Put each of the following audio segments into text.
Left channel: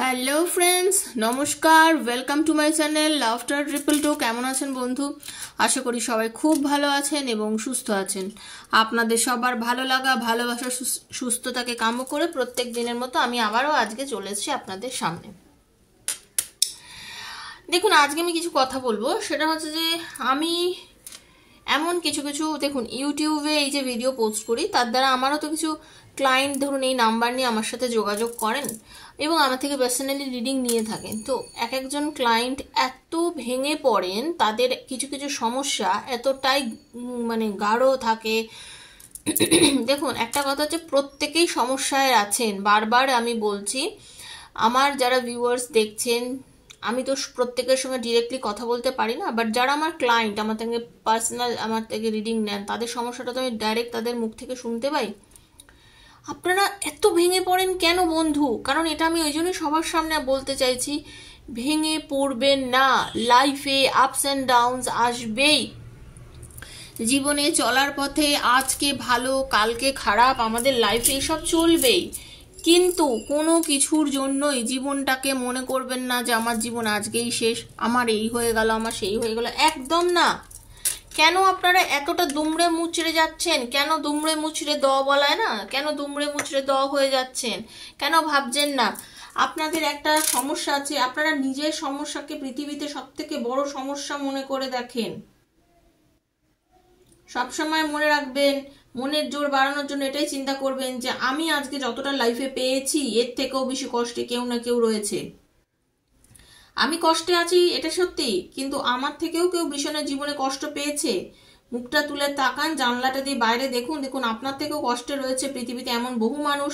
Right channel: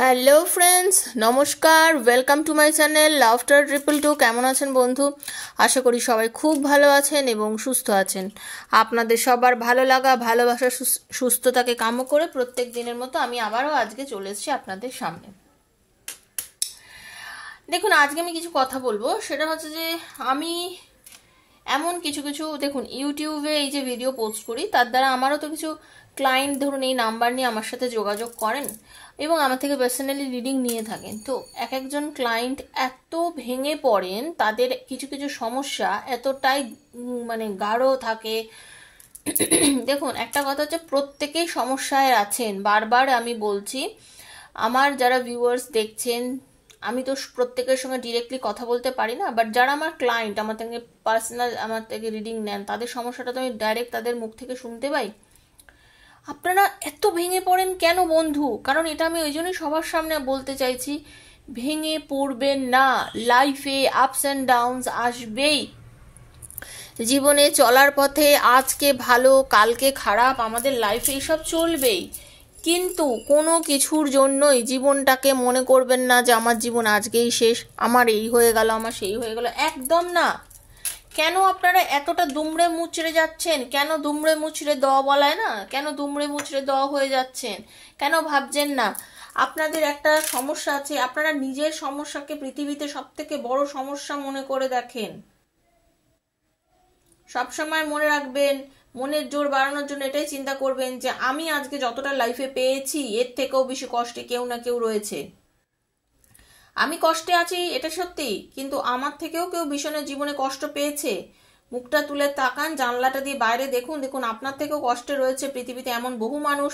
Hello friends, নমস্কার। Welcome to my channel laughter 222। কেমন আছেন বন্ধু? আশা করি সবাই খুব ভালো আছেন এবং সুস্থ আছেন। আপনাদের সবার ভালো লাগা, ভালোবাসা, সুস্থতাকে কাম্য করে প্রত্যেক দিনের মতো আমি আবারও আজকে চলে এসেছি আপনাদের সামনে। দেখুন, আজকে আমি কিছু কথা বলবো। সেটা হচ্ছে যে আমি এমন কিছু কিছু দেখুন, ইউটিউবে এই যে ভিডিও পোস্ট করি, তার দ্বারা আমারও তো কিছু ক্লায়েন্ট ধরুন এই নাম্বার নিয়ে আমার সাথে যোগাযোগ করেন এবং আমার থেকে পার্সোনালি রিডিং নিয়ে থাকেন। তো এক একজন ক্লায়েন্ট এত ভেঙে পড়েন, তাদের কিছু কিছু সমস্যা এতটাই মানে গাঢ় থাকে। দেখুন, একটা কথা হচ্ছে, প্রত্যেকেই সমস্যায় আছেন। বারবার আমি বলছি, আমার যারা ভিউয়ার্স দেখছেন, আমি তো প্রত্যেকের সঙ্গে ডিরেক্টলি কথা বলতে পারি না, বাট যারা আমার ক্লায়েন্ট, আমার থেকে পার্সোনাল আমার থেকে রিডিং নেন, তাদের সমস্যাটা তো আমি ডাইরেক্ট তাদের মুখ থেকে শুনতে পাই। আপনারা এত ভেঙে পড়েন কেন বন্ধু? কারণ এটা আমি ওই জন্যই সবার সামনে বলতে চাইছি, ভেঙে পড়বেন না। লাইফে আপস অ্যান্ড ডাউনস আসবেই। জীবনে চলার পথে আজকে ভালো কালকে খারাপ, আমাদের লাইফে এসব চলবেই। কিন্তু কোনো কিছুর জন্যই জীবনটাকে মনে করবেন না যে আমার জীবন আজকেই শেষ, আমার এই হয়ে গেল, আমার সেই হয়ে গেল। একদম না। কেন আপনারা এতটা দুমড়ে মুচড়ে যাচ্ছেন? কেন দুমড়ে মুচড়ে দ বলায় না, কেন দুমড়ে মুচড়ে দ হয়ে যাচ্ছেন? কেন ভাবছেন না আপনাদের একটা সমস্যা আছে? আপনারা নিজের সমস্যাকে পৃথিবীতে সব থেকে বড় সমস্যা মনে করে দেখেন। সবসময় মনে রাখবেন, মনের জোর বাড়ানোর জন্য এটাই চিন্তা করবেন যে আমি আজকে যতটা লাইফে পেয়েছি, এর থেকেও বেশি কষ্টে কেউ না কেউ রয়েছে। আমি কষ্টে আছি এটা সত্যি, কিন্তু আমার থেকেও কেউ ভীষণ জীবনে কষ্ট পেয়েছে। মুখটা তুলে তাকান, জানলাটা দিয়ে বাইরে দেখুন, দেখুন আপনার থেকেও কষ্টে রয়েছে পৃথিবীতে এমন বহু মানুষ,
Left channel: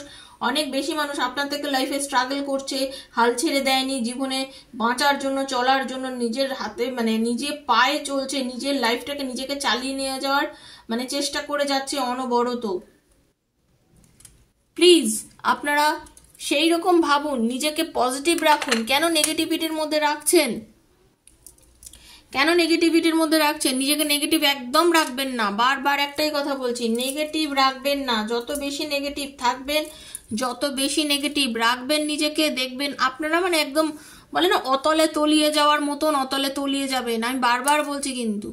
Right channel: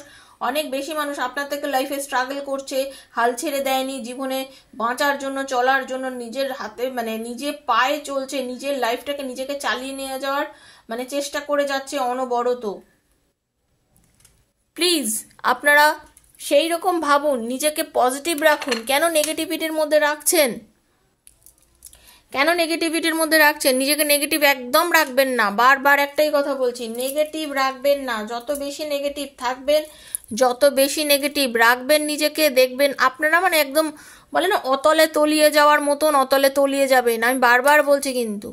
অনেক বেশি মানুষ আপনার থেকে লাইফে স্ট্রাগল করছে, হাল ছেড়ে দেয়নি, জীবনে বাঁচার জন্য, চলার জন্য নিজের হাতে মানে নিজে পায়ে চলছে, নিজের লাইফটাকে নিজেকে চালিয়ে নিয়ে যাওয়ার মানে চেষ্টা করে যাচ্ছে অনবরত। প্লিজ আপনারা সেই রকম ভাবুন, নিজেকে পজিটিভ রাখুন। কেন নেগেটিভিটির মধ্যে রাখছেন? কেন নেগেটিভিটির মধ্যে রাখছেন? নিজেকে নেগেটিভ একদম রাখবেন না। বারবার একটাই কথা বলছি, নেগেটিভ রাখবেন না। যত বেশি নেগেটিভ থাকবেন, যত বেশি নেগেটিভ রাখবেন নিজেকে, দেখবেন আপনারা মানে একদম বলে না, অতলে তলিয়ে যাওয়ার মতন অতলে তলিয়ে যাবেন। আমি বারবার বলছি, কিন্তু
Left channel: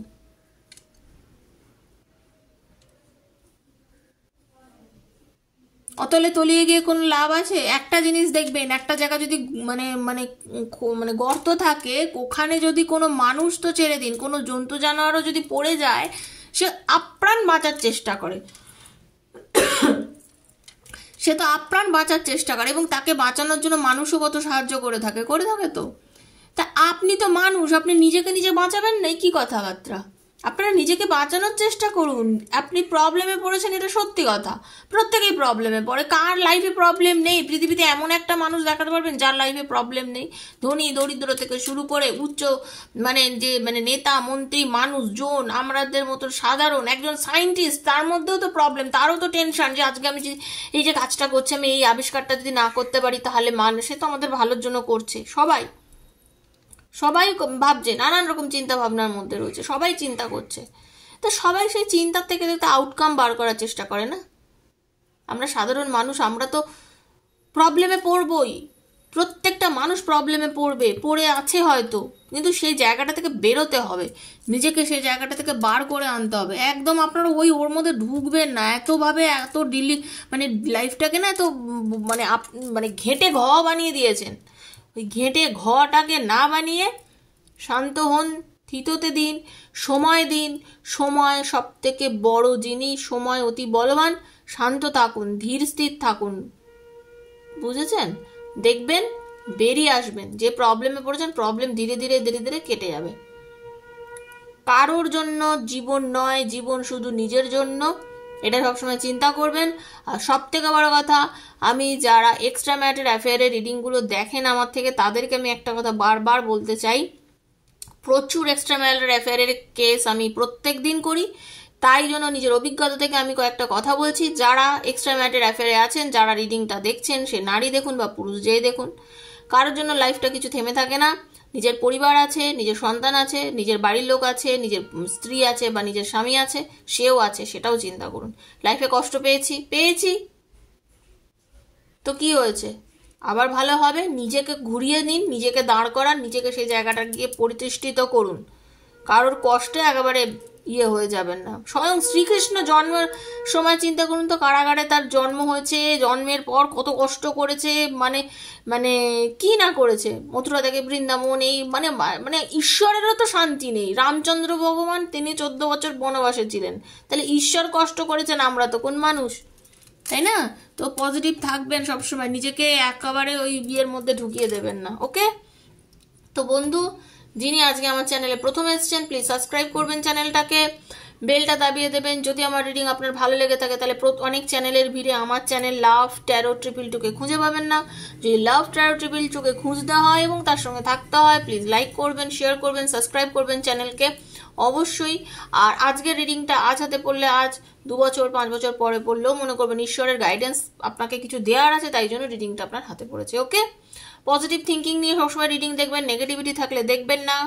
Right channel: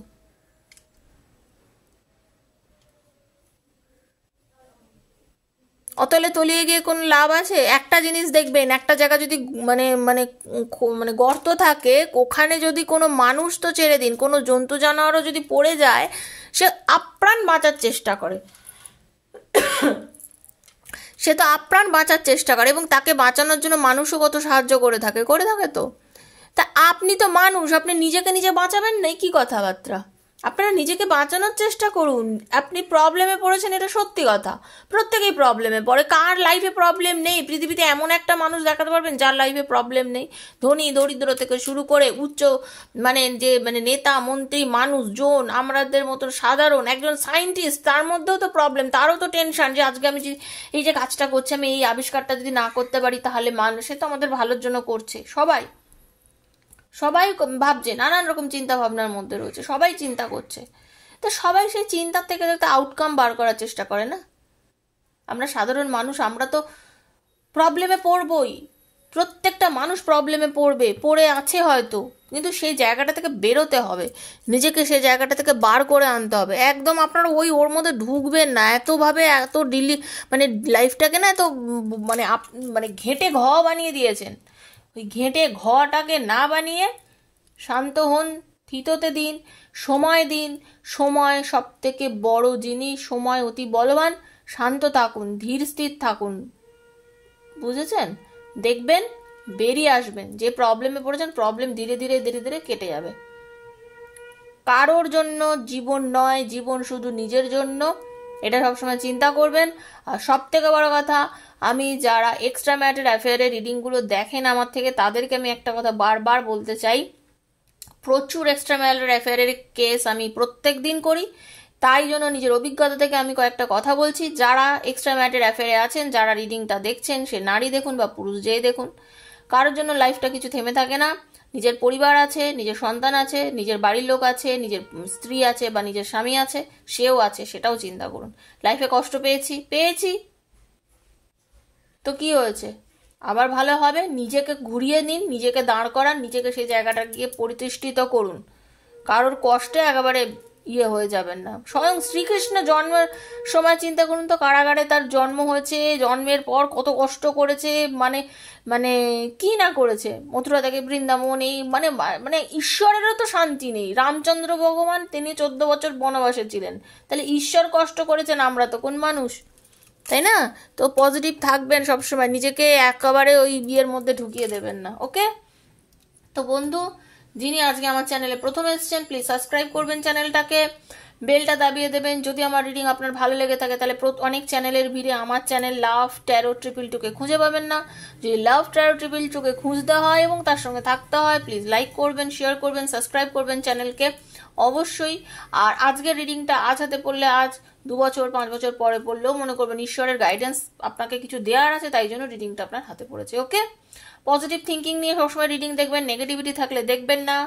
অতলে তলিয়ে গিয়ে কোনো লাভ আছে? একটা জিনিস দেখবেন, একটা জায়গা যদি মানে মানে মানে গর্ত থাকে, ওখানে যদি কোনো মানুষ তো ছেড়ে দিন, কোনো জন্তু জানোয়ারও যদি পড়ে যায়, সে আপ্রাণ বাঁচার চেষ্টা করে। সে তো আপ্রাণ বাঁচার চেষ্টা করে এবং তাকে বাঁচানোর জন্য মানুষও কত সাহায্য করে থাকে তো। তা আপনি তো মানুষ, আপনি নিজেকে নিজে বাঁচাবেন না? কি কথাবার্তা! আপনারা নিজেকে বাঁচানোর চেষ্টা করুন। আপনি প্রবলেমে পড়েছেন, এটা সত্যি কথা। প্রত্যেকেই প্রবলেমে পড়ে। কার লাইফে প্রবলেম নেই? পৃথিবীতে এমন একটা মানুষ দেখাতে পারবেন যার লাইফে প্রবলেম নেই? ধনী দরিদ্র থেকে শুরু করে উচ্চ মানে যে মানে নেতা মন্ত্রী মানুষজন, আমাদের মতো সাধারণ একজন সায়েন্টিস্ট, তার মধ্যেও তো প্রবলেম, তারও তো টেনশন যে আজকে আমি এই যে কাজটা করছি, আমি এই আবিষ্কারটা যদি না করতে পারি তাহলে সে তো আমাদের ভালোর জন্য করছে। সবাই সবাই ভাবছে, নানান রকম চিন্তা ভাবনার মধ্যে রয়েছে, সবাই চিন্তা করছে। তো সবাই সেই চিন্তার থেকে যাতে আউটকাম বার করার চেষ্টা করে না। আমরা সাধারণ মানুষ, আমরা তো প্রবলেমে পড়বই। প্রত্যেকটা মানুষ প্রবলেমে পড়ে আছে হয়তো, কিন্তু সেই জায়গাটা থেকে বেরোতে হবে, নিজেকে সেই জায়গাটা থেকে বার করে আনতে হবে। একদম আপনারা ওর মধ্যে ঢুকবেন না এতভাবে, এত মানে লাইফটাকে না এত মানে মানে ঘেঁটে বানিয়ে দিয়েছেন। ওই ঘেঁটে ঘটাকে না বানিয়ে শান্ত হন, থিততে দিন, সময় দিন। সময় সব থেকে বড় জিনিস, সময় অতি বলবান। শান্ত থাকুন, ধীর স্থির থাকুন, বুঝেছেন? দেখবেন বেরিয়ে আসবেন। যে প্রবলেমে পড়েছেন, প্রবলেম ধীরে ধীরে ধীরে ধীরে কেটে যাবে। কারোর জন্য জীবন নয়, জীবন শুধু নিজের জন্য, এটা সবসময় চিন্তা করবেন। আর সব থেকে বড় কথা, আমি যারা এক্সট্রা ম্যারিটাল অ্যাফেয়ারের রিডিংগুলো দেখেন আমার থেকে, তাদেরকে আমি একটা কথা বারবার বলতে চাই, প্রচুর এক্সট্রা ম্যারিটাল অ্যাফেয়ারের কেস আমি প্রত্যেক দিন করি। তাই জন্য নিজের অভিজ্ঞতা থেকে আমি কয়েকটা কথা বলছি। যারা এক্সট্রা ম্যারিটাল অ্যাফেয়ারে আছেন, যারা রিডিংটা দেখছেন, সে নারী দেখুন বা পুরুষ যেই দেখুন, কারোর জন্য লাইফটা কিছু থেমে থাকে না। নিজের পরিবার আছে, নিজের সন্তান আছে, নিজের বাড়ির লোক আছে, নিজের স্ত্রী আছে বা নিজের স্বামী আছে, সেও আছে, সেটাও চিন্তা করুন। লাইফে কষ্ট পেয়েছি, তো কি হয়েছে? আবার ভালো হবে। নিজেকে ঘুরিয়ে নিন, নিজেকে দাঁড় করান, নিজেকে সেই জায়গাটা গিয়ে প্রতিষ্ঠিত করুন। কারোর কষ্টে একেবারে হয়ে যাবেন না। স্বয়ং শ্রীকৃষ্ণ জন্মের সময় চিন্তা করুন তো, কারাগারে তার জন্ম হয়েছে, জন্মের পর কত কষ্ট করেছে, মানে মানে কি না করেছে, মথুরা থেকে বৃন্দাবন, এই মানে মানে ঈশ্বরেরও তো শান্তি নেই। রামচন্দ্র ভগবান তিনি 14 বছর বনবাসে ছিলেন, তাহলে ঈশ্বর কষ্ট করেছেন, আমরা তো কোন মানুষ, তাই না? তো পজিটিভ থাকবেন সবসময়, নিজেকে একেবারে ওই বিয়ের মধ্যে ঢুকিয়ে দেবেন না। ওকে, তো বন্ধু যিনি আজকে আমার চ্যানেলে প্রথম এসেছেন, প্লিজ সাবস্ক্রাইব করবেন চ্যানেলটাকে, বেলটা দাবিয়ে দেবেন। যদি আমার রিডিং আপনার ভালো লেগে থাকে তাহলে অনেক চ্যানেলের ভিড়ে আমার চ্যানেল লাভ ট্যারো 222 খুঁজে পাবেন না। যদি লাভ ট্যারো 222 খুঁজতে হয় এবং তার সঙ্গে থাকতে হয়, প্লিজ লাইক করবেন, শেয়ার করবেন, সাবস্ক্রাইব করবেন চ্যানেলকে অবশ্যই। আর আজকের রিডিংটা আজ হাতে পড়লে, আজ 2 বছর 5 বছর পরে পড়লেও মনে করবেন ঈশ্বরের গাইডেন্স আপনাকে কিছু দেওয়ার আছে, তাই জন্য রিডিংটা আপনার হাতে পড়েছে। ওকে, পজিটিভ থিঙ্কিং নিয়ে সবসময় রিডিং দেখবেন, নেগেটিভিটি থাকলে দেখবেন না।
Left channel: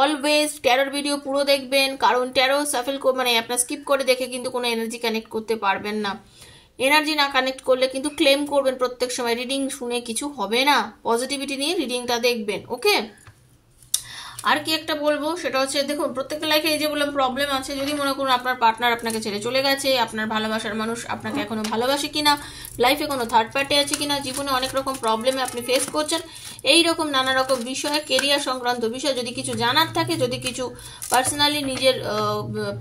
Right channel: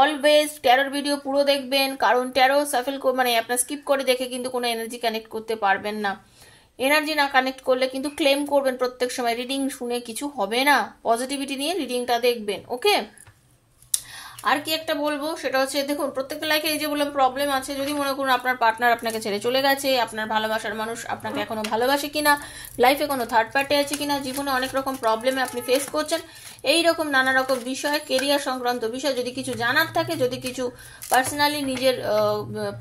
অলওয়েজ ট্যারোর ভিডিও পুরো দেখবেন, কারণ ট্যারো সাফেল মানে আপনার স্কিপ করে দেখে কিন্তু কোনো এনার্জি কানেক্ট করতে পারবেন না। এনার্জি না কানেক্ট করলে কিন্তু ক্লেম করবেন প্রত্যেক সময়, রিডিং শুনে কিছু হবে না। পজিটিভিটি নিয়ে রিডিংটা দেখবেন। ওকে, আর কি একটা বলবো সেটা হচ্ছে, দেখুন প্রত্যেকটা লাইফে এই যে বললাম প্রবলেম আছে। যদি মনে করুন আপনার পার্টনার আপনাকে ছেড়ে চলে গেছে, আপনার ভালোবাসার মানুষ আপনাকে এখনো ভালোবাসে কিনা, লাইফে কোনো থার্ড পার্টি আছে কিনা, জীবনে অনেক রকম প্রবলেমে আপনি ফেস করছেন, এই রকম নানা রকম বিষয়ে, কেরিয়ার সংক্রান্ত বিষয় যদি কিছু জানার থাকে, যদি কিছু পার্সোনালি নিজের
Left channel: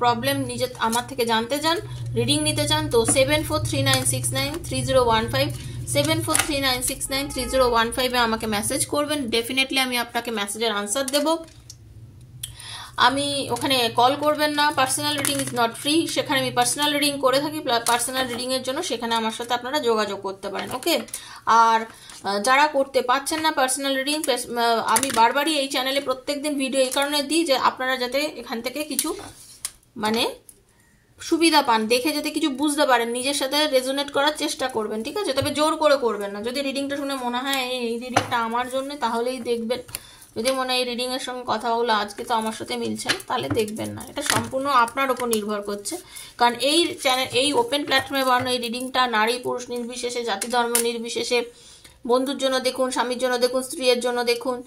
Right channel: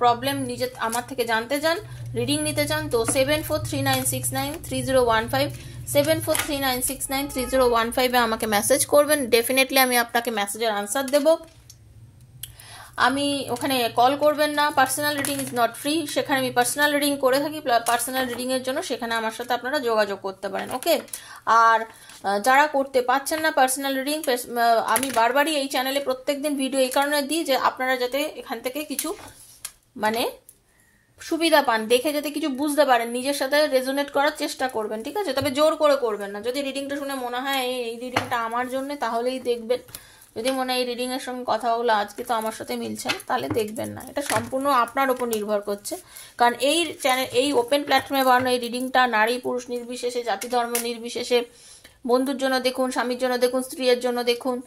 প্রবলেম নিজে আমার থেকে জানতে চান, রিডিং নিতে চান, তো 7439693015 7439693015 আমাকে মেসেজ করবেন। ডেফিনেটলি আমি আপনাকে মেসেজের আনসার দেব। আমি ওখানে কল করবেন না। Personal reading is not free, সেখানে আমি পার্সোনাল রিডিং করে থাকি। পার্সোনাল রিডিং এর জন্য সেখানে আমার সাথে আপনারা যোগাযোগ করতে পারেন। ওকে, আর যারা করতে পারছেন না পার্সোনাল রিডিং, আমি বারবারই এই চ্যানেলে প্রত্যেকদিন ভিডিও এই কারণে দিই যে আপনারা যাতে এখান থেকে কিছু মানে সুবিধা পান, দেখে যাতে কিছু বুঝতে পারেন, নিজের সাথে রেজোনেট করার চেষ্টা করবেন, ঠিক আছে? তবে জোর করে করবেন না। যদি রিডিংটা শুনে মনে হয় এই রিডিংটা আমার জন্য, তাহলেই দেখবেন। যদি মনে হয় এই রিডিং এর সঙ্গে কথাগুলো আজকে তো আমার সাথে মিলছে না, তাহলে দেখবেন না। এটা সম্পূর্ণ আপনার উপর নির্ভর করছে, কারণ এই চ্যানেল, এই ওপেন প্ল্যাটফর্মে বানানো এই রিডিংটা নারী পুরুষ নির্বিশেষে, জাতি ধর্ম নির্বিশেষে, বন্ধুর জন্য দেখুন, স্বামীর জন্য দেখুন, স্ত্রীর জন্য দেখুন,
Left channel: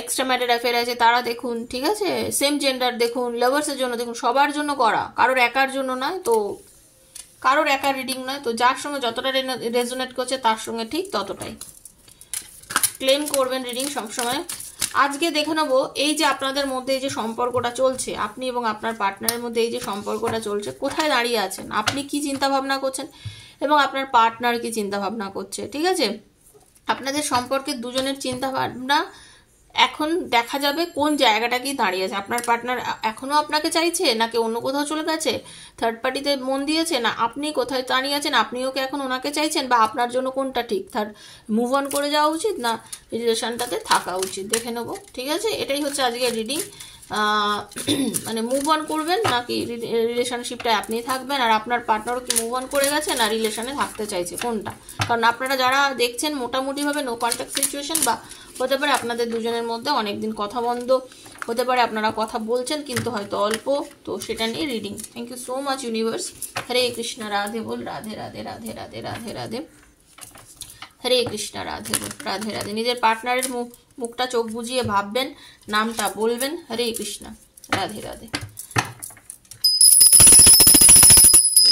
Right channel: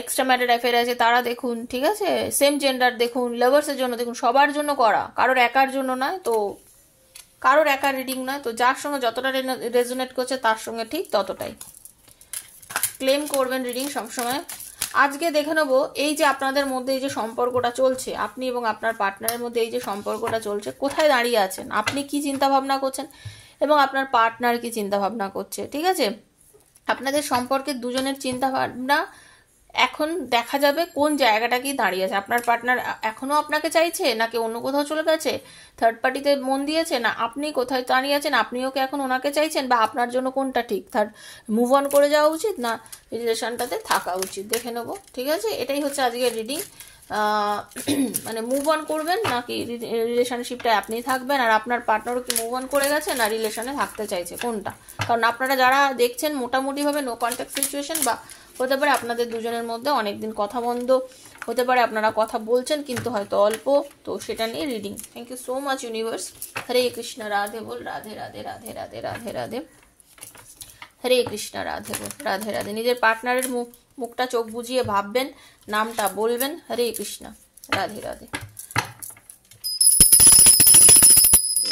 এক্সট্রা ম্যারিড অ্যাফেয়ার আছে তারা দেখুন, ঠিক আছে, সেম জেন্ডার দেখুন, লাভার্সের জন্য দেখুন, সবার জন্য করা, কারোর একার জন্য নয়। তো কারোর একার রিডিং নয়, তো যার সঙ্গে যতটা রেজোনেট করছে তার সঙ্গে ঠিক ততটাই ক্লেম করবেন রিডিং সবসময়। আজকে দেখে নেবো এই যে আপনাদের মধ্যে এই যে সম্পর্কটা চলছে, আপনি এবং আপনার পার্টনারের মধ্যে এই যে সম্পর্কটা চলছে, কোথায় দাঁড়িয়ে আছেন, আপনি কি চিন্তা ভাবনা করছেন এবং আপনার পার্টনার কি চিন্তা ভাবনা করছে, ঠিক আছে? আপনাদের সম্পর্কে দুজনের চিন্তা ভাবনা এখন দেখা যাবে কোন জায়গাটা কি দাঁড়িয়ে আছে। আপনার পার্টনার এখনো আপনাকে চাইছে, নাকি অন্য কোথাও চলে গেছে, থার্ড পার্টিতে মন দিয়েছে, না আপনি কোথায় দাঁড়িয়ে আছেন, আপনিও কি এখন ওনাকে চাইছেন, বা আপনার জন্য কোনটা ঠিক, মুভ অন করে যাওয়া উচিত না রিলেশনটাতে থাকা উচিত, দেখে নেবো, ঠিক আছে? এটাই হচ্ছে আজকের রিডিং। মানে মুভ অন করবেন নাকি রিলেশনশিপটা আপনি থাকবেন, আর আপনার পার্টনারও কি মুভ অন করে গেছে না রিলেশনে থাকতে চাইছে, কোনটা? কারণ আপনারা যারা দেখছেন মোটামুটি ভাবে নো কন্ট্যাক্ট সিচুয়েশন, বা হতে পারে আপনাদের দুজনের মধ্যে অনেকদিন কথা বন্ধ, হতে পারে আপনারা কথা বলছেন কিন্তু হয়তো অল্প, তো সেটা নিয়ে reading. Thank you so much universe. Hare Krishna, Radhe বল, রাধে রাধে রাধে রাধে রাধে রাধে, হরে কৃষ্ণ, রাধে বল, রাধে রাধে। নিজের পার্টনারের মুখটা চোখ বুজিয়ে ভাববেন, নামটা বলবেন, হরে কৃষ্ণ, রাধে রাধে,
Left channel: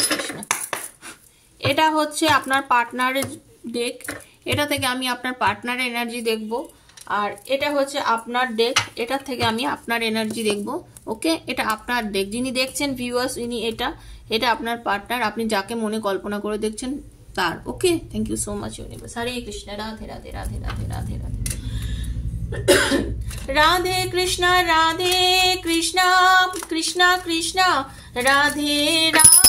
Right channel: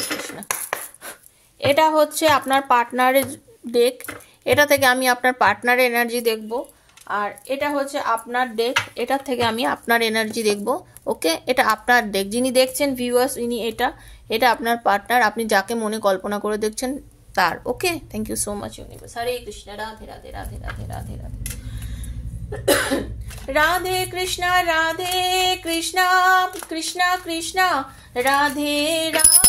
কৃষ্ণ। এটা হচ্ছে আপনার পার্টনারের ডেক, এটা থেকে আমি আপনার পার্টনারের এনার্জি দেখব। আর এটা হচ্ছে আপনার ডেক, এটা থেকে আমি আপনার এনার্জি দেখব। ওকে, এটা আপনার ডেক, যিনি দেখছেন ভিউয়ার্স, ইনি এটা আপনার পার্টনার, আপনি যাকে মনে কল্পনা করে দেখছেন তার। Okay, thank you so much universe. Hare Krishna, Radhe Radhe Radhe Radhe Radhe Radhe, Radhe Krishna, Radhe Krishna, Krishna Krishna, Radhe Radhe,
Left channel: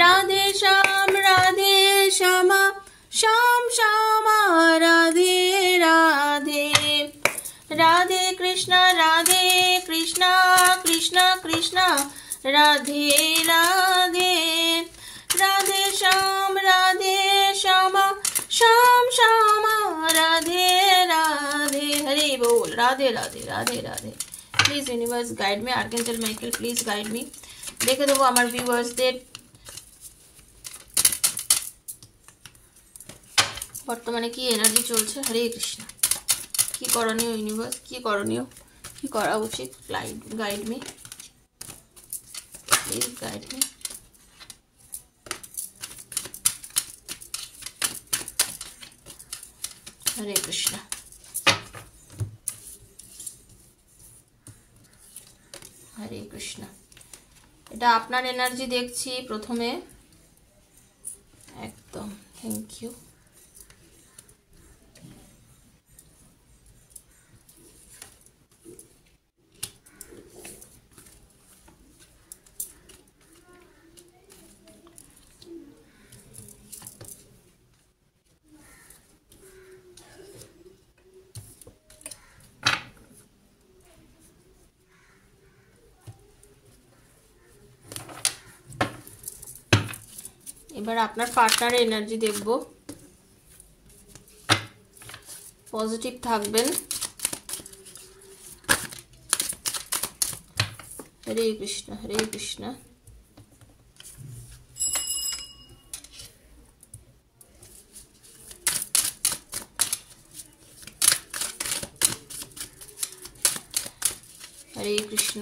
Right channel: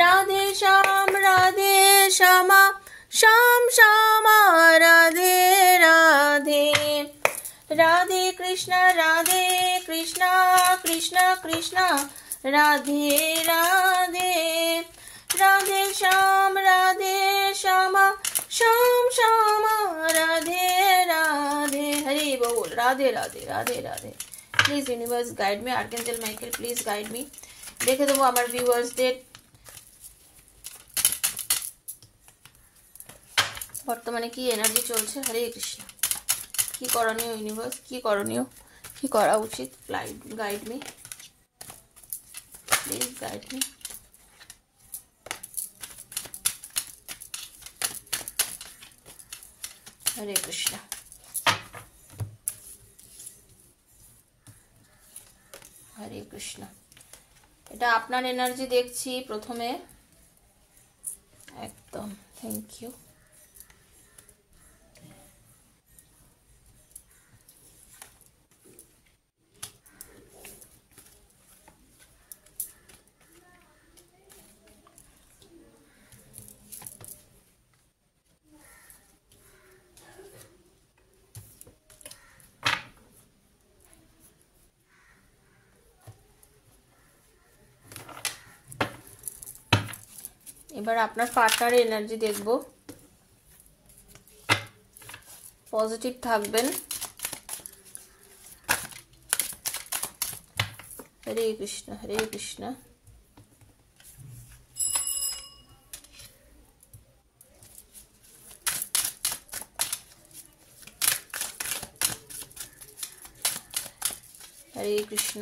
Radhe Shyam, Radhe Shyama, Shyam Shyama, Radhe Radhe, Radhe Krishna, Radhe Krishna, Krishna Krishna, Radhe Radhe, Radhe Shyam, Radhe Shyama, Shyam Shyama, Radhe Radhe, Hari বল, Radhe Radhe Radhe Radhe. Please universe guide me, archangel Michael please guide me. দেখে দেবো আমার ভিউয়ার্সদের বর্তমানে কি এনার্জি চলছে? হরে কৃষ্ণ। কি করণীয় ইউনিভার্স, কি করণীয়, কি করা উচিত? Guide me, please guide me. Hare Krishna. Hare Krishna. এটা আপনার এনার্জি দেখছি প্রথমে, একদম। Thank you. এবার আপনার পার্টনারের এনার্জি দেখব। পজিটিভ থাকবেন। হরে কৃষ্ণ, হরে কৃষ্ণ। হরে কৃষ্ণ।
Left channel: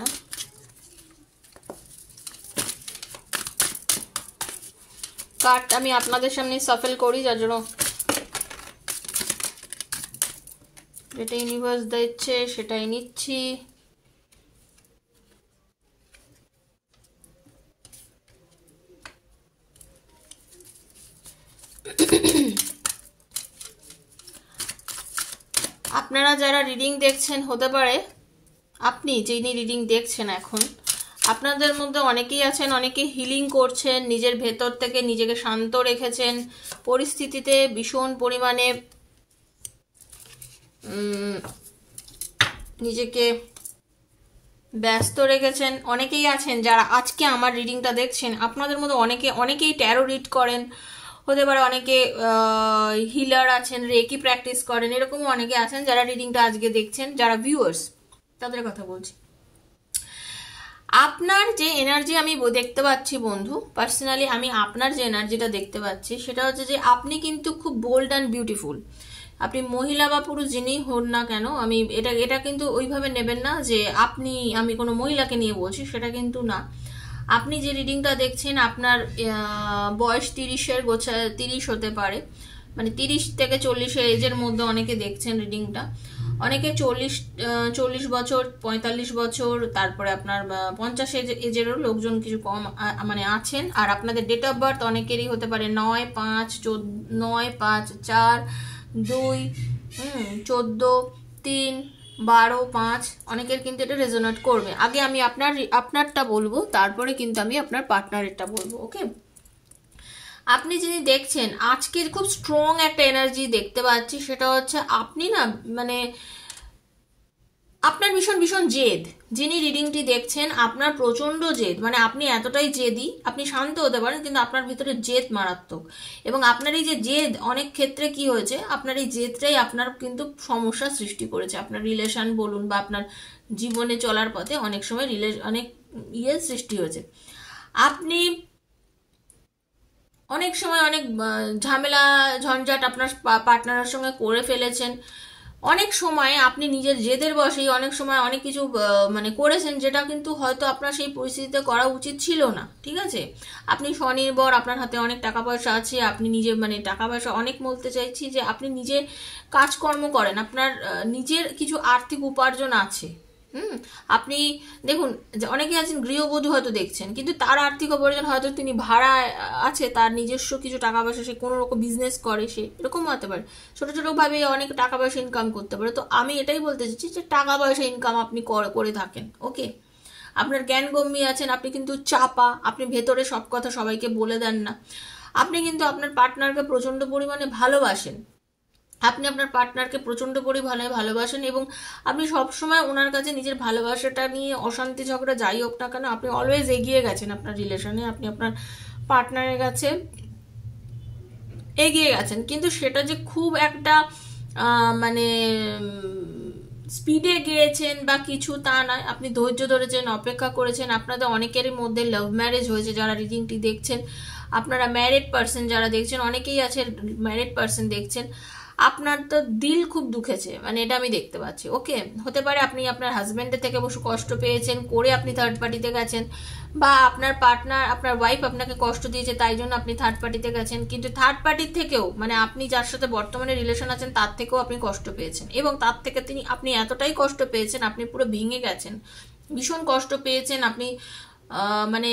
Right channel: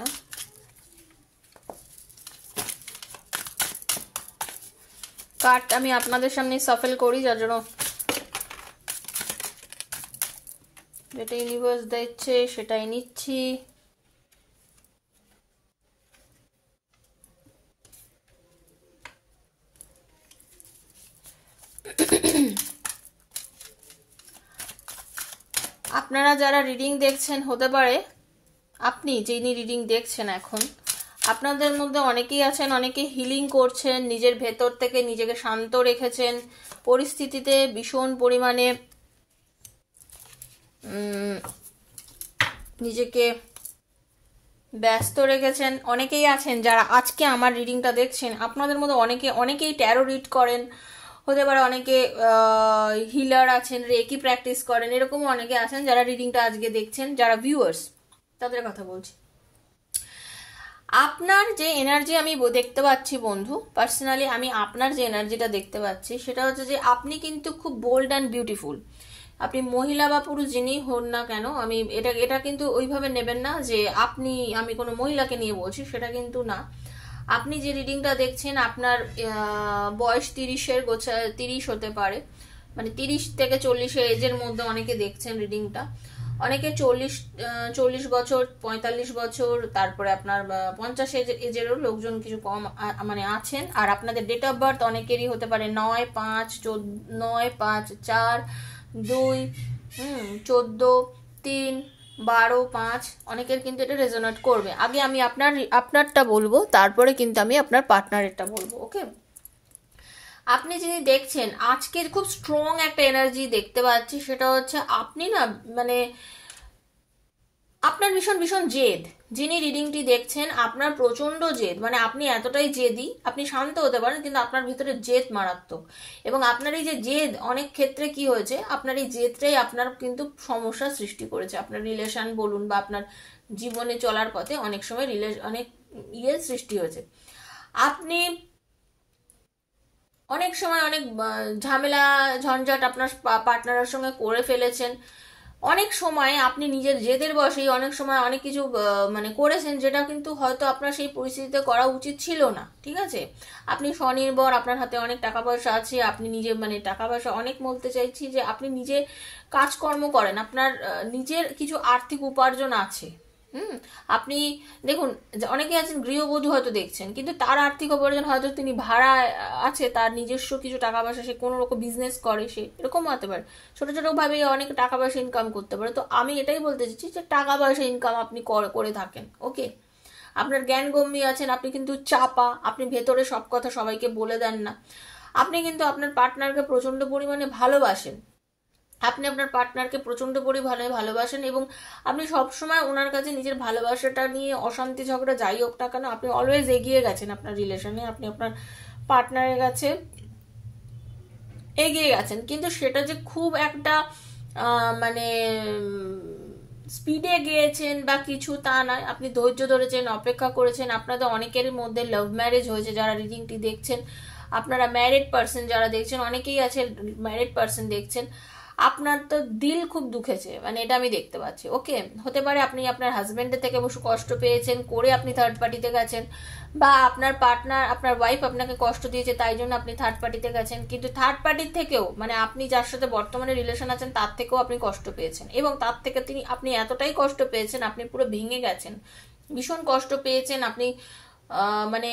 কার্ড আমি আপনাদের সামনে সাফল করি, যার জন্য যেটা ইউনিভার্স দিচ্ছে সেটাই নিচ্ছি। আপনারা যারা রিডিং দেখছেন, হতে পারে আপনি যিনি রিডিং দেখছেন এখন, আপনাদের মধ্যে অনেকেই আছেন, অনেকে হিলিং করছেন, নিজের ভেতর থেকে নিজেকে শান্ত রেখেছেন, পরিস্থিতিতে ভীষণ পরিমাণে নিজেকে ব্যস্ত রেখেছেন। অনেকেই আছেন যারা আজকে আমার রিডিংটা দেখছেন, আপনাদের মধ্যে অনেকেই ট্যারো রিড করেন, হতে পারে অনেকে হিলার আছেন, রেকি প্র্যাকটিস করেন, এরকমও অনেকে আছেন যারা রিডিংটা আজকে দেখছেন, যারা ভিউয়ার্স, তাদের কথা বলছি। আপনার যে এনার্জি আমি দেখতে পাচ্ছি বন্ধু, পার্সোনালি আমি আপনার যে এনার্জিটা দেখতে পাচ্ছি সেটা হচ্ছে যে আপনি কিন্তু খুব বোল্ড অ্যান্ড বিউটিফুল। আপনি মহিলা বা পুরুষ যিনি হন না কেন, আমি এটা কিন্তু ওইভাবে নেবেন না যে আমি কোনো মহিলাকে নিয়ে বলছি, সেটা কিন্তু না। আপনি যে রিডিংটা দেখছেন, আপনার বয়স 30 হতে পারে, মানে 30 থেকে 40 এজের মধ্যে অনেকে দেখছেন রিডিংটা। অনেকে 40 বছর, 45 বছর, তারপরে আপনার 50 এজেরও লোকজন কিছু কম মানে আছেন। আর আপনাদের ডেট অফ বার্থ অনেকেরই হতে পারে 9/5/4/2, 14/3/12/5। অনেকের কিন্তু এটা রেজোনেট করবে। আগে আমি আপনারটা বলবো, তারপরে কিন্তু আমি আপনার পার্টনারেরটা বলবো। ওকে, আপনি যিনি দেখছেন, আজকের খুব স্ট্রং একটা এনার্জি দেখতে পাচ্ছি, সেটা হচ্ছে আপনি না, মানে আপনার ভীষণ জেদ। যিনি রিডিংটি দেখছেন, আপনার প্রচন্ড জেদ, মানে আপনি এতটাই জেদি, আপনি শান্ত হতে পারেন কিন্তু আপনার ভিতরে জেদ মারাত্মক। এবং আপনার এই যে জেদ, অনেক ক্ষেত্রে কি হয়েছে, আপনার এই জেদটাই আপনার কিন্তু সমস্যা সৃষ্টি করেছে। আপনার রিলেশন বলুন বা আপনার জীবনে চলার পথে অনেক সময় অনেক সৃষ্টি হয়েছে। আপনি অনেক সময় অনেক ঝামেলা ঝঞ্ঝাট আপনার পার্টনারের সঙ্গে করে ফেলেছেন। অনেক সময় আপনি নিজের জেদের বশেই অনেক সময় অনেক কিছু মানে করেছেন, যেটা কিন্তু হয়তো আপনার সেই পরিস্থিতিতে করা উচিত ছিল না। ঠিক আছে, আপনি স্বনির্ভর, আপনার হাতে অনেক টাকা পয়সা আছে, আপনি নিজে, মানে টাকা পয়সা অনেক বলতে চাইছি যে আপনি নিজে কাজকর্ম করেন, আপনার নিজের কিছু আর্থিক উপার্জন আছে। আপনি দেখুন, অনেকে আছেন গৃহবধূ হয়তো দেখছেন, কিন্তু তার আর্থিক উপার্জন হয়তো তিনি ভাড়া আছে, তার নিজস্ব কিছু টাকা পয়সা, সে কোনো রকম বিজনেস করে, সে এরকম হতে পারে, ছোট ছোট ভাবে অনেক টাকা পয়সা ইনকাম করতে পারে। তো আমি এটাই বলতে চাইছি যে টাকা পয়সা ইনকাম আপনি করে থাকেন। ওকে, আপনার জ্ঞানগম্যী আছেন, আপনি কিন্তু চাপা, আপনি ভেতরে সব কথা সবাইকে বলে দেন না। আপনি কিন্তু আপনার পার্টনারকে প্রচন্ড পরিমাণে ভালোবাসেন, আপনি আপনার পার্টনারকে প্রচন্ড পরিমাণে ভালোবাসেন, এবং আপনি সবসময় ওনার কাছে নিজের ভালোবাসাটা নিয়ে অশান্তি ঝগড়া যাই হোক না কেন, আপনি অলওয়েজ এগিয়ে গেছেন আপনার রিলেশনে, আপনি আপনার পার্টনারের কাছে এগিয়ে গেছেন। কিন্তু সেটা যে খুব একটা মানে স্পিডে গিয়েছেন বা কিছু, তা নয়। আপনি ধৈর্য ধরেছেন, অপেক্ষা করেছেন। আপনাদের অনেকের মধ্যে লাভ ম্যারেজ হয়েছে, যারা রিডিংটি দেখছেন। আপনারা ম্যারিড পার্সন যারা দেখছেন, অনেকেই আছে ম্যারিড পার্সন দেখছেন, আপনার তো দিল খুব দুঃখেছে, মানে এটা আমি দেখতে পাচ্ছি। ওকে, হতে পারে আপনি আপনার হাজবেন্ডের থেকে বসে কষ্ট পেয়েছেন করে আপনি থার্ড পার্টিতে গেছেন, বা আপনার পার্টনার, আপনার ওয়াইফ আপনাকে কষ্ট দিয়েছে তাই জন্য আপনি থার্ড পার্টিতে গেছেন, কিন্তু থার্ড পার্টির থেকেও মানে আপনি যার সাথে বর্তমানে রিলেশন আছেন তার থেকেও আপনি কষ্ট পেয়েছেন, এবং তার থেকে আপনি এতটাই কষ্ট পেয়েছেন, আপনি পুরো ভেঙে গেছেন, ভীষণ কষ্ট পেয়েছেন আপনি। মানে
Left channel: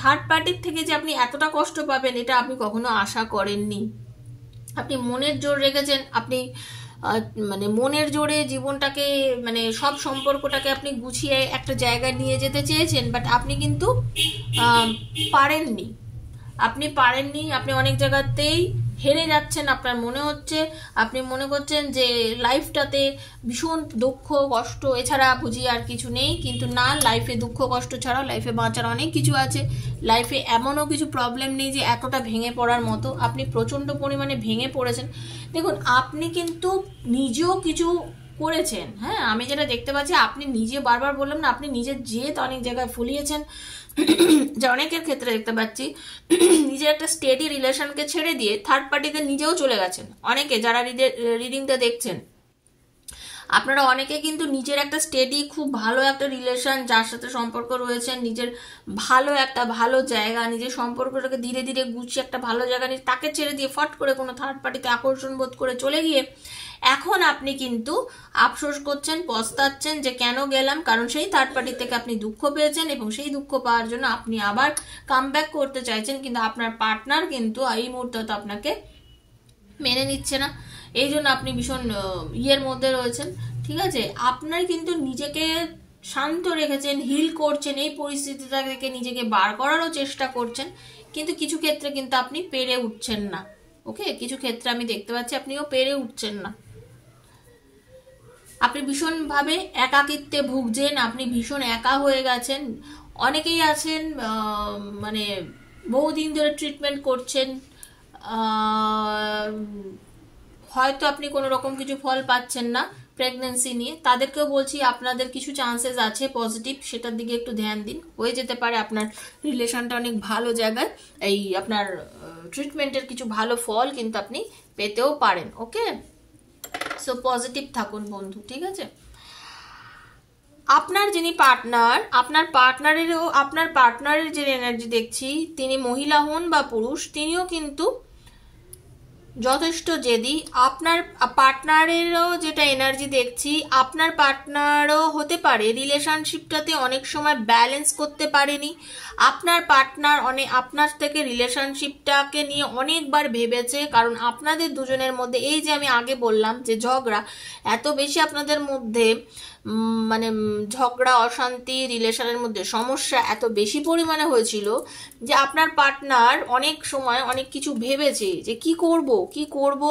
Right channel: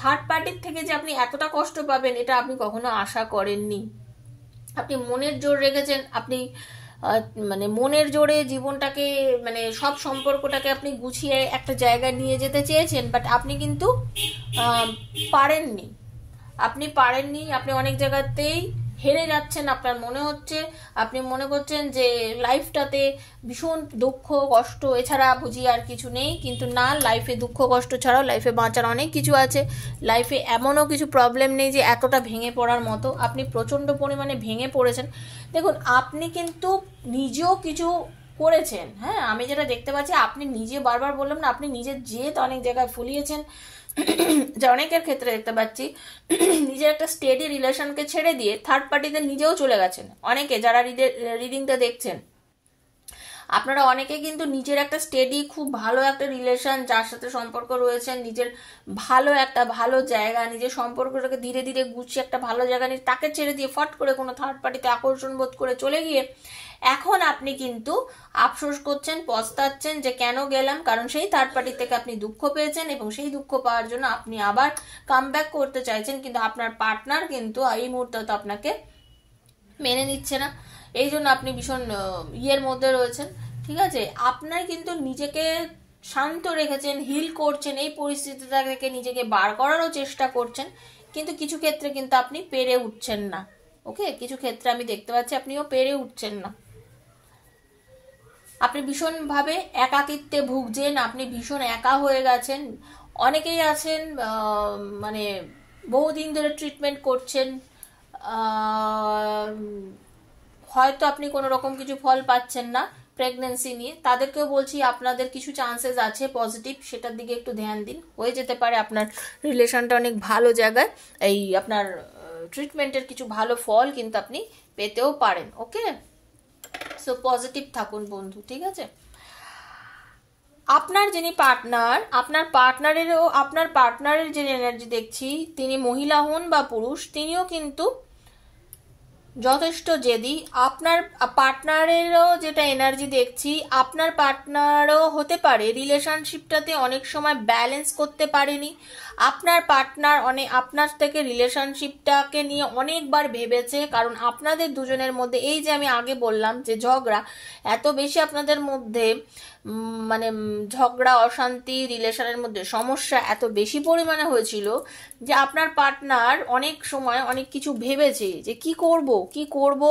থার্ড পার্টির থেকে যে আপনি এতটা কষ্ট পাবেন এটা আপনি কখনো আশা করেননি। আপনি মনের জোর রেখেছেন, আপনি মানে মনের জোরে জীবনটাকে, মানে সব সম্পর্কটাকে আপনি গুছিয়ে একটা জায়গায় নিয়ে যেতে চেয়েছেন, বাট আপনি কিন্তু পারেননি। আপনি অনেক জায়গাতেই হেরে যাচ্ছেন। আপনার মনে হচ্ছে, আপনি মনে করছেন যে লাইফটাতে ভীষণ দুঃখ কষ্ট এছাড়া বুঝি আর কিছু নেই, কিন্তু না, লাইফে দুঃখ কষ্ট ছাড়াও লাইফে বাঁচার অনেক কিছু আছে। লাইফে এমনও কিছু প্রবলেম নেই যে এতটা ভেঙে পড়ার মতো। আপনি প্রচণ্ড পরিমাণে ভেঙে পড়েছেন। দেখুন, আপনি কিন্তু নিজেও কিছু করেছেন। হ্যাঁ, আমি যেটা দেখতে পাচ্ছি, আপনি নিজে, বারবার বললাম না, আপনি নিজের জেদ অনেক জায়গায় ফুলিয়েছেন, যে অনেকের ক্ষেত্রে দেখতে পাচ্ছি নিজের একটা স্টেডি রিলেশনকে ছেড়ে দিয়ে থার্ড পার্টিতে নিজেও চলে গেছেন। অনেকে যারা রিডিংটা দেখছেন, আপনারা অনেকে কিন্তু নিজের একটা স্টেডি খুব ভালো একটা রিলেশন যার সাথে সম্পর্ক রয়েছে, নিজের ভালো জায়গা, নিজের সম্পর্কটাকে ধীরে ধীরে গুছিয়ে একটা ভালো জায়গা নিয়ে তাকে ছেড়ে দিয়ে ফট করে কোনো থার্ড পার্টিতে আকর্ষণ বোধ করে চলে গিয়ে এখন আপনি কিন্তু আফসোস করছেন, পস্তাচ্ছেন যে কেন গেলাম, কারণ সেই থার্ড পার্টি থেকে আপনি দুঃখ পেয়েছেন এবং সেই দুঃখ পাওয়ার জন্য আপনি আবার কাম ব্যাক করতে চাইছেন, কিন্তু আপনার পার্টনার কিন্তু এই মুহূর্তে তো আপনাকে মেনে নিচ্ছে না, এই জন্য আপনি ভীষণ ইয়ের মধ্যে রয়েছেন। ঠিক আছে, আপনার কিন্তু নিজেকে শান্ত রেখেছেন, হিল করছেন, এই পরিস্থিতিটা থেকে নিজেকে বার করারও চেষ্টা করছেন, কিন্তু কিছু ক্ষেত্রে কিন্তু আপনি পেরে উঠছেন না। ওকে, কিছু ক্ষেত্রে আমি দেখতে পাচ্ছি আপনিও পেরে উঠছেন না। আপনি ভীষণভাবে একাকিত্বে ভুগছেন, আপনি ভীষণ একা হয়ে গেছেন। অনেকেই আছেন মানে বহুদিন ধরে ট্রিটমেন্ট করছেন, হয়তো আপনি কোনো রকম কিছু ফল পাচ্ছেন না প্রেগনেন্সি নিয়ে, তাদেরকেও বলছি আপনাদের কিছু চান্সেস আছে পজিটিভ, সেটার দিকে একটু ধ্যান দিন। হয়ে যেতে পারে আপনার রিলেশনটা অনেক ভালো জায়গায়, এই আপনার ট্রিটমেন্টের কিছু ভালো ফল কিন্তু আপনি পেতেও পারেন। ওকে, সো পজিটিভ থাকুন বন্ধু, ঠিক আছে। আপনার যিনি পার্টনার, আপনার পার্টনারের যে এনার্জি দেখছি, তিনি মহিলা হন বা পুরুষ, তিনিও কিন্তু যথেষ্ট জেদি। আপনার পার্টনারেরও যেটা এনার্জি দেখছি, আপনার পার্টনারও হতে পারে রিলেশনশিপটাতে অনেক সময় ব্যালেন্স করতে পারেনি। আপনার পার্টনার আপনার থেকে রিলেশনশিপটাকে নিয়ে অনেকবার ভেবেছে, কারণ আপনাদের দুজনের মধ্যে এই যে আমি আগে বললাম যে ঝগড়া এত বেশি আপনাদের মধ্যে, মানে ঝগড়া অশান্তি রিলেশনের মধ্যে সমস্যা এত বেশি পরিমাণে হয়েছিল যে আপনার পার্টনার অনেক সময় অনেক কিছু ভেবেছে যে কি করব,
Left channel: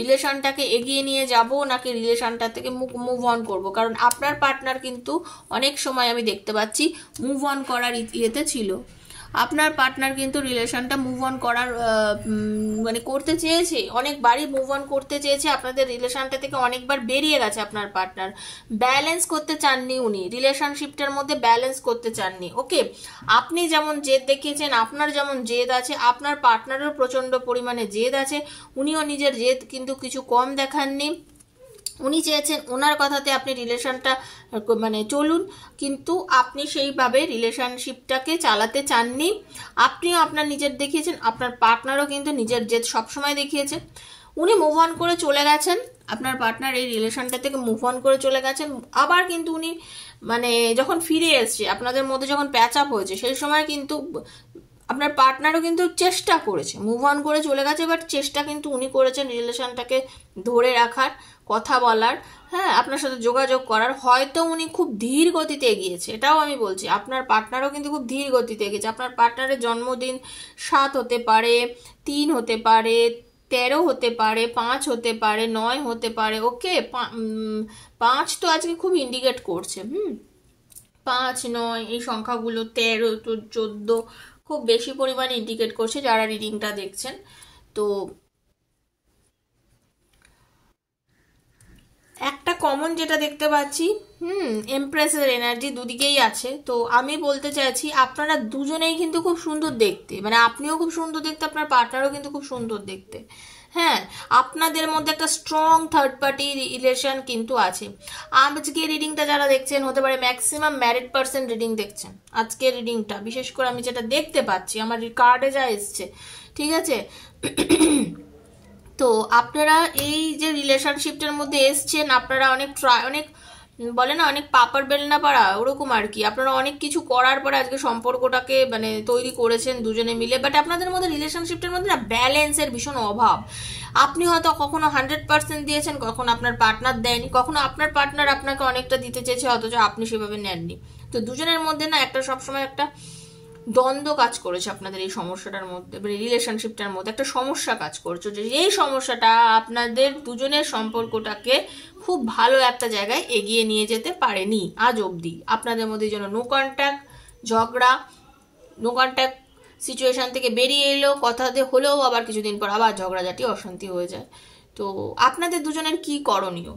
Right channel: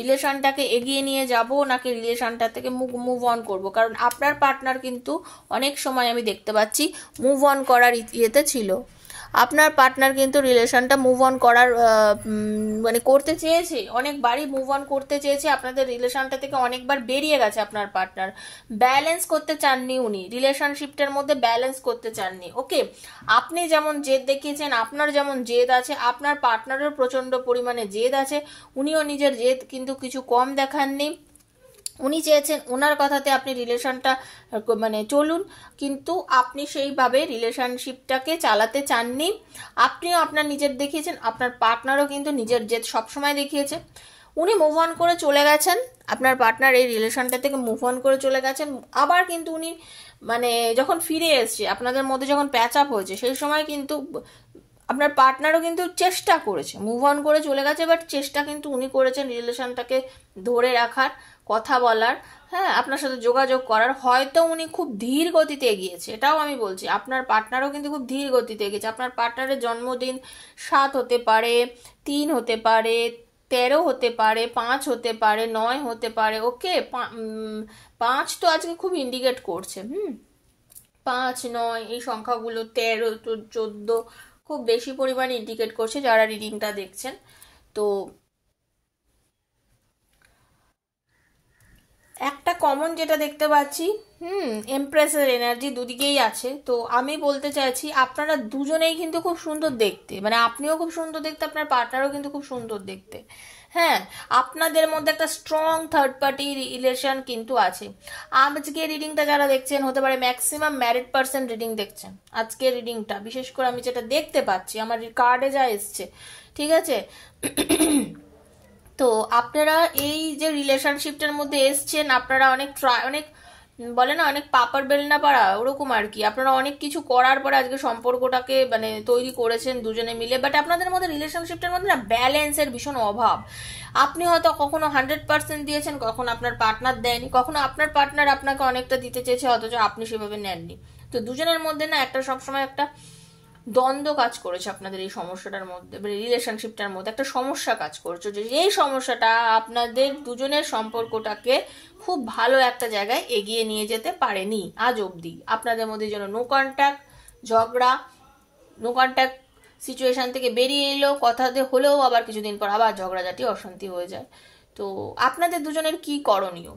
রিলেশনটাকে এগিয়ে নিয়ে যাব নাকি রিলেশনটা থেকে মুভ অন করব, কারণ আপনার পার্টনার কিন্তু অনেক সময় আমি দেখতে পাচ্ছি মুভ অন করার ইয়েতে ছিল। আপনার পার্টনার কিন্তু রিলেশনটা মুভ অন করার মানে করতে চেয়েছে, অনেকবারই মুভ অন করতে চেয়েছে, আপনাদের রিলেশনটা থেকে অনেকবার বেরিয়ে গেছে। আপনার পার্টনার ব্যালেন্স করতে চাননি, উনি রিলেশনশিপটার মধ্যে ব্যালেন্স করতে চাননি। ওকে, আপনি যেমন জেদ দেখিয়েছেন, আপনার যেমন জেদ আছে, আপনার পার্টনারের প্রচন্ড পরিমাণে জেদ আছে, উনিও নিজের জেদ কিন্তু কিছু কম দেখাননি। উনি চেয়েছেন ওনার কথাতে আপনি রিলেশনটা মানে চলুন, কিন্তু আপনি সেইভাবে রিলেশনশিপটাকে চালাতে চাননি। আপনিও আপনার নিজের দেখিয়েছেন, আপনার পার্টনারও কিন্তু নিজের জেদ সবসময় দেখিয়েছে। উনি মুভ অন করে চলে গেছেন, আপনার পার্টনার এই রিলেশনটা থেকে মুভ অন করে চলে গেছেন। আবার কিন্তু উনি মানে যখন ফিরে এসছে, আপনাদের মধ্যে যখন প্যাচ আপ হয়েছে, সেই সময় কিন্তু আপনার পার্টনারও কিন্তু চেষ্টা করেছে, মুভ অন করে চলে গেছে, বাট চেষ্টা কিন্তু উনি করেছেন রিলেশনটাকে ধরে রাখার, কথা বলার, হ্যাঁ, আপনার সাথে যোগাযোগ করার। হয়তো উনি খুব ধীর গতিতে এগিয়েছে, এটাও আমি বলছি, আপনার পার্টনারও কিন্তু খুব ধীর গতিতে এগিয়েছে। আপনার পার্টনারের জন্মদিন 7 হতে পারে, 3 হতে পারে, 13 হতে পারে, 5 হতে পারে, 9 হতে পারে। ওকে, 5 তো আজকে খুব ইন্ডিকেট করছে, 5, 9 এই সংখ্যাগুলো, 13 তো 14 খুব বেশি পরিমাণে ইন্ডিকেট করছে যারা রিডিংটা দেখছেন। তো একটা কমন যেটা দেখতে পাচ্ছি এমপ্রেসের এনার্জি দুদিকেই আছে। তো আমি বলতে চাইছি আপনারা দুজনেই কিন্তু খুব সুন্দর দেখতে, মানে আপনিও খুব সুন্দর দেখতে, আপনার পার্টনারও কিন্তু খুব সুন্দর দেখতে। হ্যাঁ, আপনাদের মধ্যে একটা স্ট্রং থার্ড পার্টি রিলেশন কিন্তু আছে। আজকে রিডিংটা যারা দেখছেন হতে পারে ম্যাক্সিমাম ম্যারিড পার্সন রিডিং দেখছেন আজকে রিডিংটা, বিশেষ করে আমি যেটা দেখতে পাচ্ছি আমার কার্ডে যা এসছে, ঠিক আছে। তো আপনারা এই যে রিলেশনশিপটার মধ্যে এসছেন, আপনারা অনেক বলে না অনেক পাপার বেলনা পাড়া, ওরকম আর কি। আপনারা অনেক কিছু করার পরে আজকে সম্পর্কটাকে মানে তৈরি করেছেন দুজনে মিলে, বাট আপনাদের মধ্যে রিলেশনশিপটার মধ্যে না ব্যালেন্সের ভীষণ অভাব। আপনি হয়তো কখনো 100% দিয়েছেন, কখনো আপনার পার্টনার দেয়নি, কখনো আপনার পার্টনার আপনাকে অনেকটা দিতে চেয়েছে অথচ আপনি সেভাবে নেননি। তো দুজনের মধ্যে না একটা সবসময় একটা দ্বন্দ্ব কাজ করেছে আপনাদের এই সমস্যাটার মধ্যে, মানে রিলেশনশিপটার মধ্যে একটা সমস্যা কাজ করছে, যে এই সমস্যাটা আপনাদের দুজনের সম্পর্কটাকে খুব ভালো একটা জায়গায় এগিয়ে নিয়ে যেতে পারেনি আজ অবধি। আপনাদের মধ্যে যেন নো কন্ট্যাক্ট, ঝগড়া, নো কন্ট্যাক্ট সিচুয়েশন থেকে বেরিয়ে এলো, কথাতে হলেও আবার কিছুদিন পর আবার ঝগড়াঝাটি, অশান্তি হয়ে যায়। তো আপনাদের দুজনের কি করণীয়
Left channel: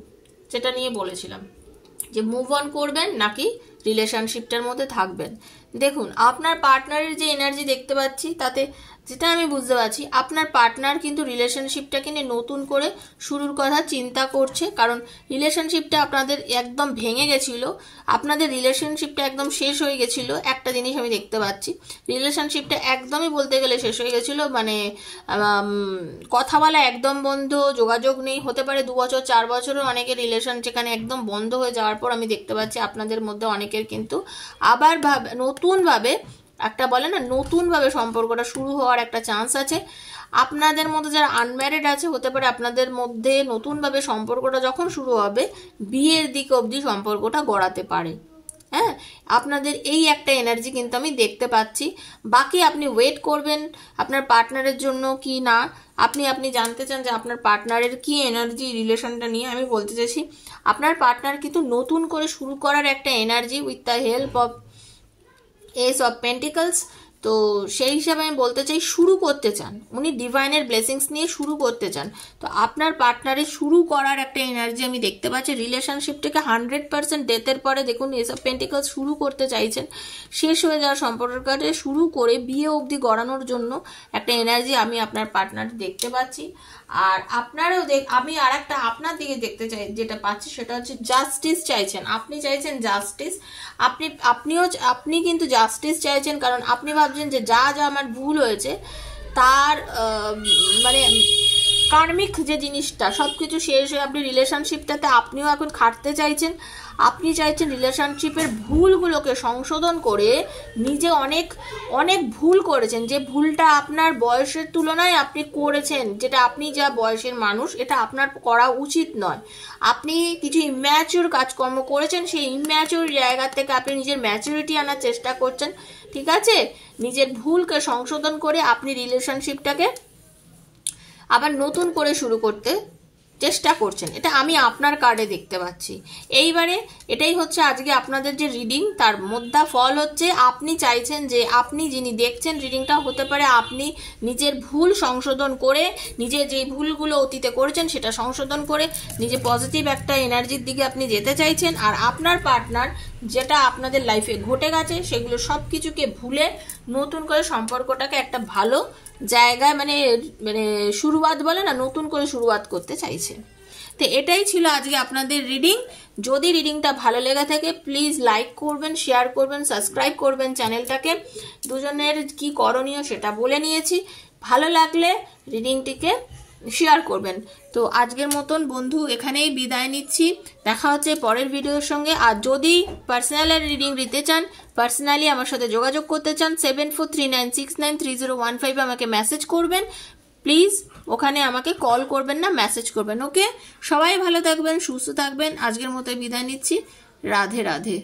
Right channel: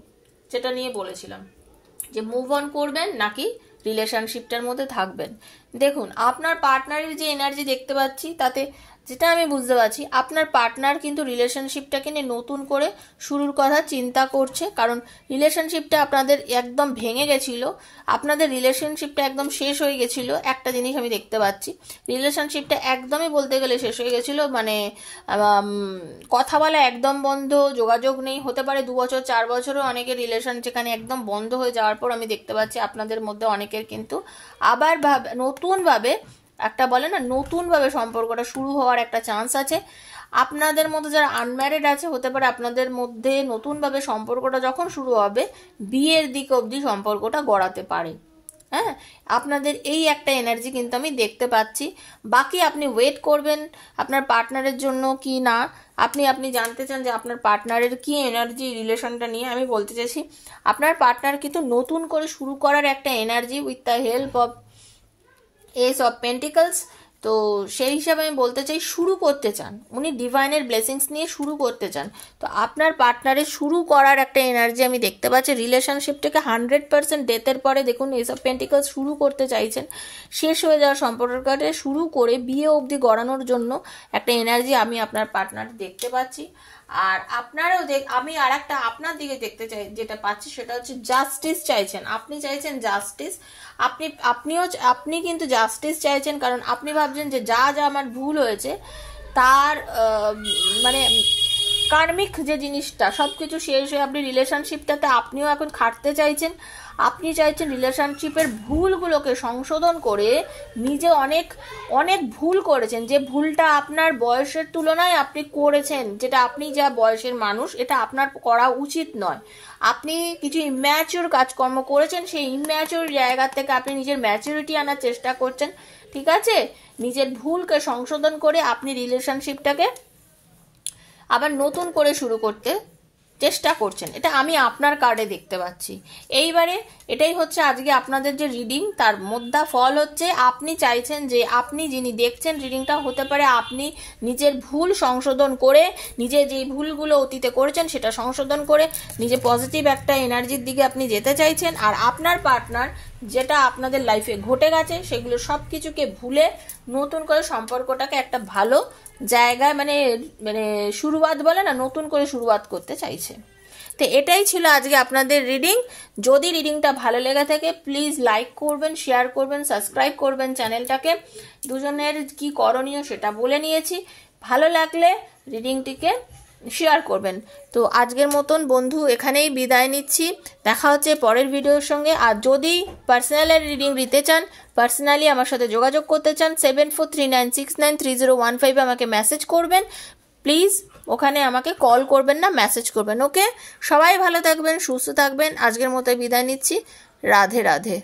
সেটা নিয়ে বলেছিলাম, যে মুভ অন করবেন নাকি রিলেশনশিপটার মধ্যে থাকবেন। দেখুন আপনার পার্টনারের যে এনার্জি দেখতে পাচ্ছি, তাতে যেটা আমি বুঝতে পারছি আপনার পার্টনার কিন্তু রিলেশনশিপটাকে নিয়ে নতুন করে শুরুর কথা চিন্তা করছে, কারণ রিলেশনশিপটা আপনাদের একদম ভেঙে গেছিল, আপনাদের রিলেশনশিপটা একদম শেষ হয়ে গেছিল। একটা জিনিস আমি দেখতে পাচ্ছি, রিলেশনশিপটা একদমই বলতে গেলে শেষ হয়ে গেছিল, মানে কথা বলা একদম বন্ধ, যোগাযোগ নেই, হতে পারে 2 বছর 4 বছরও অনেকের রিলেশন যেখানে একদম বন্ধ হয়ে যাওয়ার পর আমি দেখতে পাচ্ছি আপনাদের মধ্যে অনেকের কিন্তু আবার নতুনভাবে একটা বলে না নতুনভাবে সম্পর্কটা শুরু হওয়ার একটা চান্স আছে। আপনাদের মধ্যে যারা আনম্যারিড আছে হতে পারে আপনাদের মধ্যে নতুনভাবে সম্পর্কটা যখন শুরু হবে বিয়ের দিক অবধি সম্পর্কটা গড়াতে পারে। হ্যাঁ, আপনাদের এই একটা এনার্জি কিন্তু আমি দেখতে পাচ্ছি। বাকি আপনি ওয়েট করবেন আপনার পার্টনারের জন্য কি না, আপনি জানতে চান যে আপনার পার্টনারের কি এনার্জি রিলেশনটা নিয়ে। আমি বলতে চাইছি আপনার পার্টনার কিন্তু নতুন করে শুরু করার একটা energy with the help of S of pentacles. তো সেই হিসাবে আমি বলতে চাই শুরু করতে চান, উনি ডিভাইনের ব্লেসিংস নিয়ে শুরু করতে চান। তো আপনার পার্টনারের শুরু করার একটা এনার্জি আমি দেখতে পাচ্ছি, রিলেশনশিপটাকে 100% ডেথের পরে দেখুন এস অফ পেন্টিকলস শুরু করতে চাইছেন, শেষ হয়ে যাওয়া সম্পর্কটাকে শুরু করে বিয়ে অবধি গড়ানোর জন্য একটা এনার্জি আমি আপনার পার্টনার দেখতে পাচ্ছি। আর আপনারও আমি আর একটা আপনার দিকে দেখতে চাই, যেটা পাচ্ছি সেটা হচ্ছে জাস্টিস চাইছেন, আপনি চাইছেন জাস্টিস। আপনি কিন্তু জাস্টিস চাইছেন, কারণ আপনি ভাবছেন যে যা যা আমার ভুল হয়েছে তার মানে কার্মিক যে জিনিসটা সবকিছু শেষ হয়ে আপনি রিলেশনশিপটাতে আপনিও এখন খাটতে চাইছেন। আপনি চাইছেন রিলেশনশিপের ভুলগুলোকে সংশোধন করে, নিজে অনেক অনেক ভুল করেছেন, যে ভুলটা আপনার বয়সের তুলনায় আপনি করেছেন, যেটা আপনি যা বয়সের মানুষ এটা আপনার করা উচিত নয়। আপনি কিছু ইম্যাচিওর কাজকর্ম করেছেন, সেই ইম্যাচিওর জায়গা থেকে আপনি নিজের ম্যাচুরিটি আনার চেষ্টা করছেন, ঠিক আছে। নিজের ভুলকে সংশোধন করে আপনি রিলেশনশিপটাকে আবার নতুন করে শুরু করতে চেষ্টা করছেন, এটা আমি আপনার কার্ডে দেখতে পাচ্ছি। এইবারে এটাই হচ্ছে আজকে আপনাদের যে রিডিং, তার মধ্যে ফল হচ্ছে আপনি চাইছেন যে আপনি যিনি দেখছেন রিডিংটা হতে পারে আপনি নিজের ভুল সংশোধন করে, নিজের যে ভুলগুলো অতীতে করেছেন সেটা সংশোধন করে নিজে পজিটিভ একটা এনার্জির দিকে আপনি যেতে চাইছেন। আর আপনার পার্টনার যেটা আপনাদের লাইফে ঘটে গেছে সেগুলো সব কিছুকে ভুলে নতুন করে সম্পর্কটাকে একটা ভালো জায়গায় মানে মানে শুরুয়াত বলে না, নতুন করে শুরুয়াত করতে চাইছে। তো এটাই ছিল আজকে আপনাদের রিডিং। যদি রিডিংটা ভালো লেগে থাকে প্লিজ লাইক করবেন, শেয়ার করবেন, সাবস্ক্রাইব করবেন চ্যানেলটাকে। দুজনের কি করণীয় সেটা বলে নিয়েছি, ভালো লাগলে রিডিংটিকে শেয়ার করবেন। তো আজকের মতন বন্ধু এখানেই বিদায় নিচ্ছি, দেখা হচ্ছে পরের ভিডিওর সঙ্গে। আর যদি পার্সোনালের রিডিং নিতে চান, পার্সোনালি আমার সাথে যোগাযোগ করতে চান 7439693015 আমাকে মেসেজ করবেন প্লিজ, ওখানে আমাকে কল করবেন না, মেসেজ করবেন। ওকে, সবাই ভালো থাকবেন, সুস্থ থাকবেন। আজকের মতো বিদায় নিচ্ছি, রাধে রাধে।